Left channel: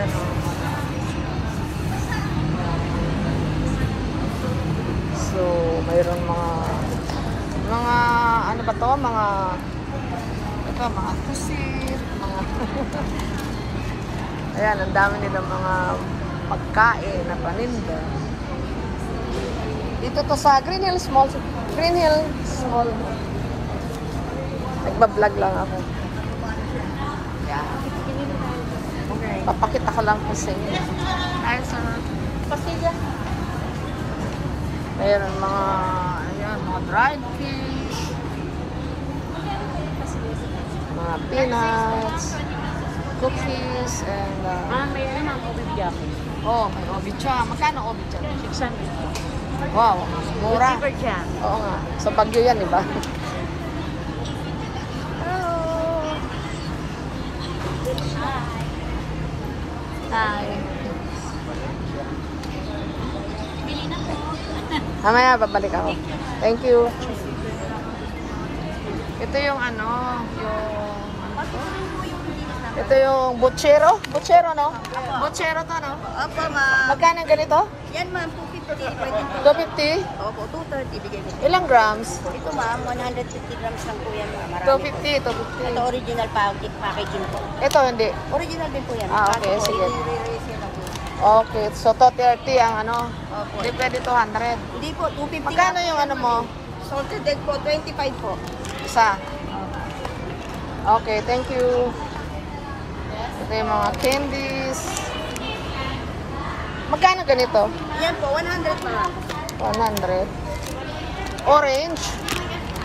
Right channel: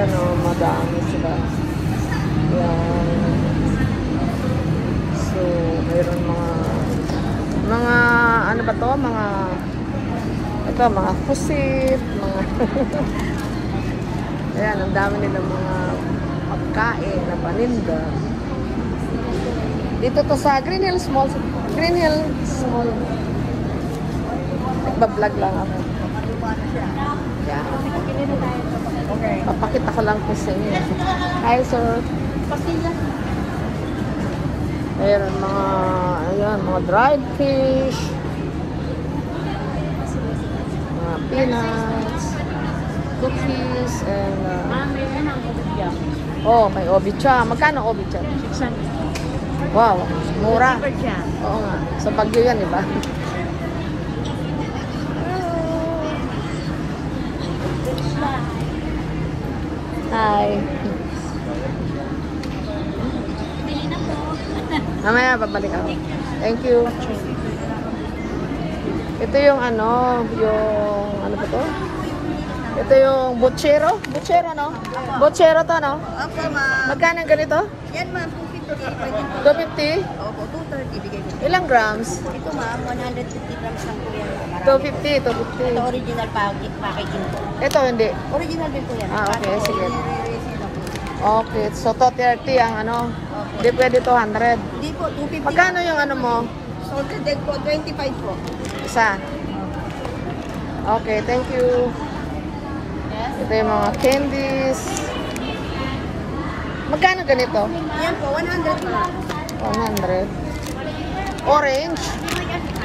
Ayan o, madami sila. Ayan. So, mayroon mga ano ba to? Mga pusit, mga ayan, ang dami nilang mga pagkain na paninda. Dito to sa Green Hills Mall. Nagbablog lang ako. Yan. Okay. Papakita ko lang po sa inyo. Hi, sir. Mayroon mga dried fish, mga peanuts, cookies, and may obicha. Magkano obicha? 600. Wow, mura. Oo nga. Sa Baguio yan, diba? Hi. Mamaya, babalik ako. Thank you. Ito yung ano ba to? Ito yung butchero. Butchero, no? Butchero to, no? Opo, ma'am. Magkano ganito? Yan, ma'am. 250? Opo, 230. Ilang grams? Ito, ma'am. 150 grams lang po yan. 250. Ito, original packaging. Ito, hindi. Original din po yan. Okay, sige. Okay, so 230 ang ano. Hindi pwede 200. Hindi po, 250. Magkano yung ano mo? Salted egg po, 25 po. Isa. Okay, thank you. Ito yung mga candies. Magkano ganito? Yan po, 100 po. 100. Orange.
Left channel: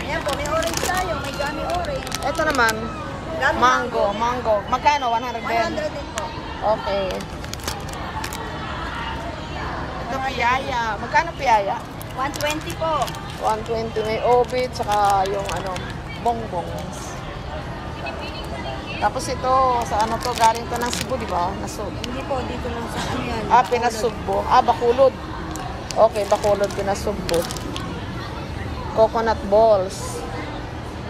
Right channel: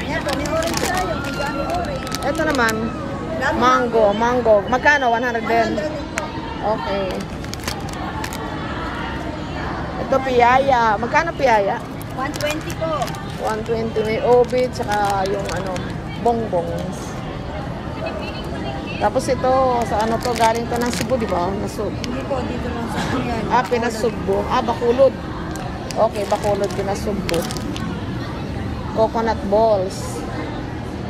Yan po, may orange salad. Ito naman, mango. Magkano? 100 din. Okay. Ito piyaya. Magkano piyaya? 120 po. 120. May obit, saka yung bongbongs. Tapos ito, sa ano to, galing to ng Cebu, di ba? Hindi po, dito lang sa ano yan. Pinasugbo. Bakulod. Okay, Bakulod, pinasugbo. Coconut balls.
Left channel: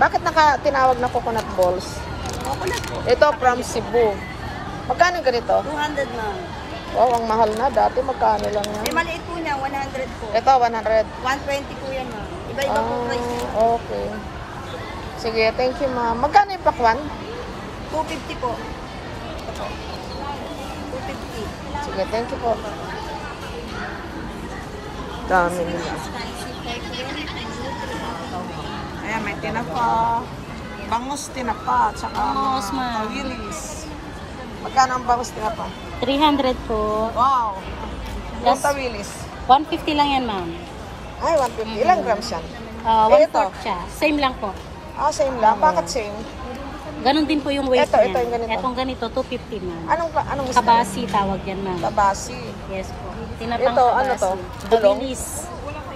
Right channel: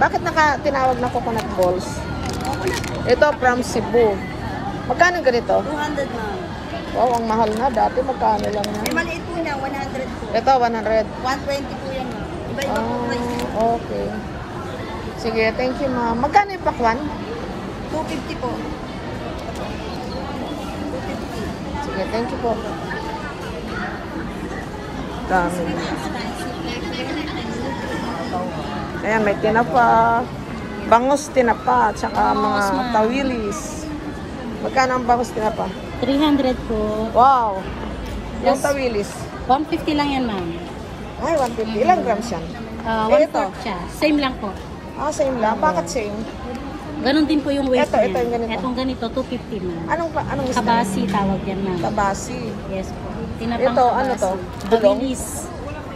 Bakit tinawag na coconut balls? Coconut po. Ito from Cebu. Magkano ganito? 200 ma'am. Wow, ang mahal na. Dati magkano lang yan? May maliit po niya, 100 po. Ito, 100. 120 po yan ma'am. Iba-iba po price yan. Okay. Sige, thank you ma'am. Magkano yung pakwan? 250 po. Ito po. 250. Sige, thank you po. Dami. Ayan, may tinapa. Bangus tinapa. Tsaka mga tawilis. Magkano ang bangus tinapa? 300 po. Wow. Yung Yes. tawilis. 150 lang yan, ma'am. Ay, 150. Ilang grams yan? 1/4 siya. Same lang po. Same lang. Bakit same? Ganon din po yung weight Ito, niya. ito yung ganito. Itong ganito, 250, ma'am. Anong isda? Kabasi tawag yan, ma'am. Tabasi. Yes po. Ito, ano to? Dulong? Tawilis.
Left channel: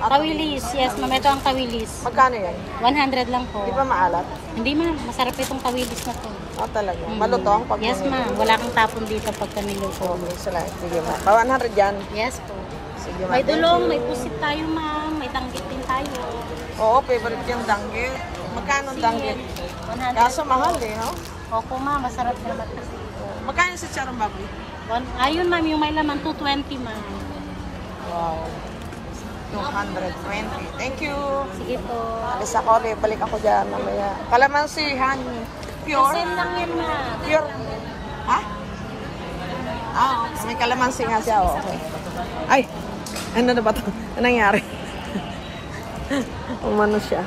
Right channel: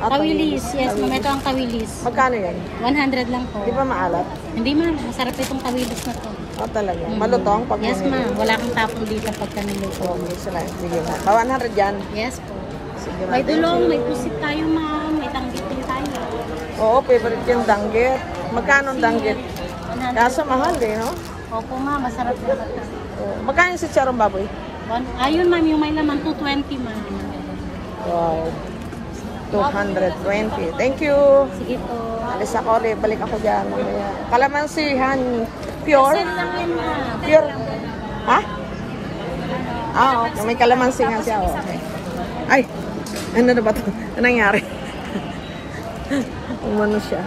Tawilis, yes, ma'am. Ito ang tawilis. Magkano yan? 100 lang po. Di ba maalat? Hindi, ma'am. Masarap itong tawilis na to. Talaga. Malutong pag Yes, ma'am. Wala kang tapon dito pagka niluto. Okay, sila. Sige mo. 100 yan. Yes po. Sige May dulong, may pusit tayo, ma'am. May tanggit din tayo. Oo, favorite yung danggit. Magkano ang danggit? Kaso mahal no? Opo, ma'am. Masarap na. Magkano yung sitsarong baboy? Ayun, ma'am. Yung may laman, 220, ma'am. Wow. 220. Thank you. Sige po. Alis ako ulit. Balik ako dyan. Kalamansi, honey. Pure? Same lang yan, ma'am. Pure? Ha? Okay. May kalamansi nga siya. Okay. Ay! Ano na ba ito? Anong nangyari? Umano siya.